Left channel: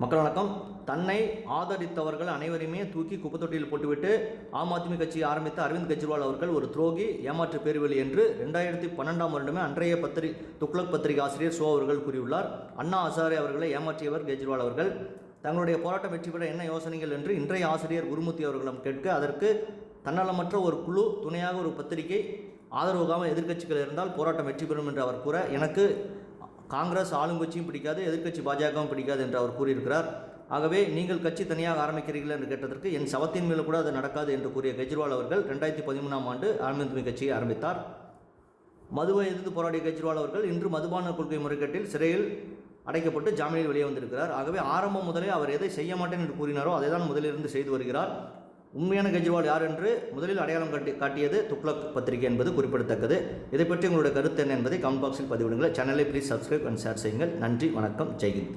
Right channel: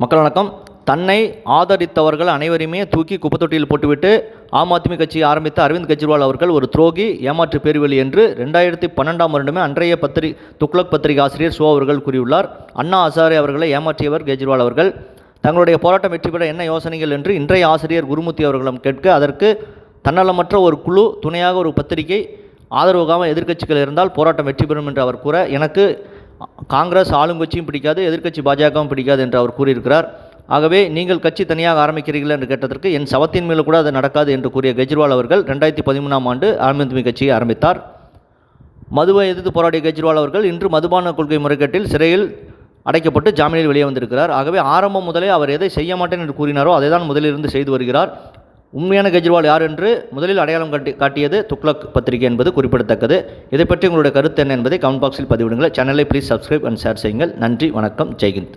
மக்கள் வணக்கம். தன்னை ஆதரித்தவர்கள் அனைவரையுமே தூக்கி குப்பத்தொட்டியில் போட்டுவிட்டு ஆம் ஆத்மி கட்சி ஆரம்பித்த அரவிந்த் கெஜ்ரிவால் அவர்கள் ஒரு துரோகி, ஏமாற்று பேர்வழி என்று 2012ஆம் வருடமே அன்றைய துக்ளக் பத்திரிகை ஆசிரியர் ஷோ அவர்கள் கூறியுள்ளார். அண்ணா ஹசாரே அவர்களை ஏமாற்றியவர் கெஜ்ரிவால் அவர்கள். தங்களுடைய போராட்டம் வெற்றி பெற என்ன யோசனைகள் என்று இன்றைய ஆசிரியர் குருமூர்த்தி அவர்களிடம் கேட்க, அதற்கு தன்னலமற்ற ஒரு குழு, துணையாக ஒரு பத்திரிகை, ஆதரவுக்காக எதிர்க்கட்சிகள் இருந்தால் போராட்டம் வெற்றி பெறும் என்று அவர் கூற, எனக்கு காங்கிரஸ் ஆளுங்கட்சியும் பிடிக்காது, எதிர்க்கட்சி பாஜகவும் பிடிக்காது என்று அவர் கூறியிருக்கிறார். ஆகவே நீங்கள் கட்சி தனியாக ஆரம்பிக்கிறீர்கள் என்று கேட்டதற்கு என் சவத்தின் மேலே கூட அது நடக்காது என்று கூறிய கெஜ்ரிவால் அவர்கள் 2013ஆம் ஆண்டு ஆம் ஆத்மி கட்சியை ஆரம்பித்தார். மதுவை எதிர்த்து போராடிய கெஜ்ரிவால் அவர்கள் இன்று மதுபான கொள்கை முறைகேட்டில் சிறையில் அடைக்கப்பட்டு ஜாமீனில் வெளியே வந்திருக்கிறார். ஆகவே ஆரம்பம் முதலே அவர் எதை செய்ய மாட்டேன் என்று கூறினாரோ அதை தான் முதலிலிருந்து செய்து வருகிறார். உண்மையான கெஜ்ரிவால் யார் என்று முதலில் அடையாளம் காட்டியது துக்ளக் பத்திரிகை என்பது குறிப்பிடத்தக்கது. இதை பற்றி உங்களுடைய கருத்து என்ன என்பதை கமெண்ட் பாக்ஸில் பதிவிடுங்கள். சேனலை ப்ளீஸ் சப்ஸ்கிரைப் அண்ட் ஷேர் செய்யுங்கள். நன்றி, வணக்கம், ஜெய்ஹிந்த்.